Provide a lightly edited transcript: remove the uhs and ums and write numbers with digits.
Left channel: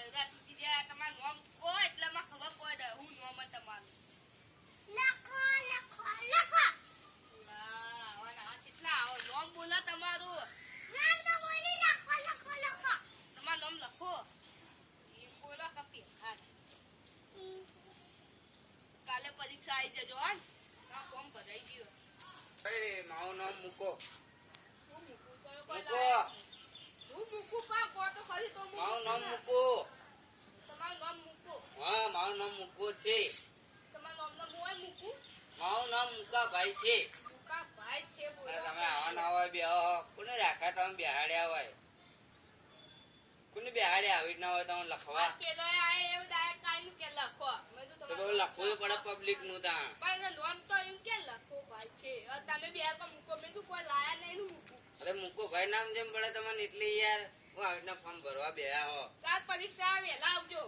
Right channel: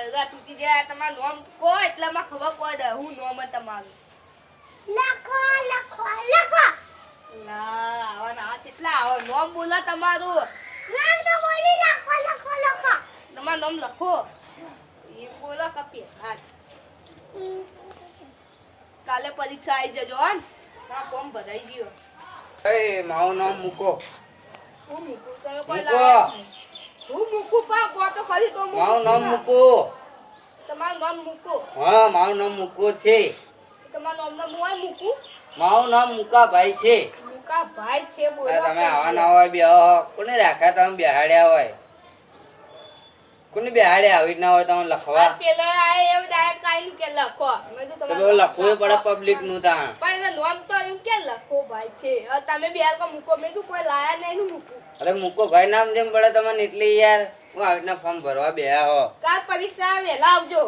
બળગા તૂટી જાય તમારું નામ કહો એટલે મને ખબર પડે હું નામ તમારું લખો લખો લખો ના આવા ના કેટલા આવો નામ બોલો તમારું નામ તો બોલી લખો લખો લખો તમારું નામ લખો એમ બોલો કપી હા કાલે પરીક્ષા આવી જજો હો મારા ફોર્મ ભરાઈ ગયો એ મારું નામ મૂકો હું મૂકું તમે કોઈ મૂકો. લાવ્યા નહીં. હું મૂકું પણ કહો તો ખરી તો મારું નામ મૂકો તમારું નામ મૂકો હા મારું નામ મૂકો છે તમારું નામ હું મૂકું મારું નામ મુકાભાઈ છે મૂકા ભાઈ છે બોલો તમે આવા ના હોય બે કોને રાખ્યા તમે બેહાડ્યા હોય કોને બેહાડ્યા આવી ના હોય તમે લખવા પેલો આ એવું ડાયરેક્ટ કાઈ કે લખો મેં તો તો તમારું લખવું પડે પબ્લિક નું તાણ પણ એનું નામ તો એમ કે લખો ભાઈ છે હવે તમે બે કો મૂકો મેં તો કોઈ લાયા નહીં નું મૂકું અરે મૂકો ભાઈ નામ જેમ પડે તમને એટલે યાર હું આવી રીતના ફોર્મ ભરવા બે હો કાલ પરીક્ષા વહેલા આવજો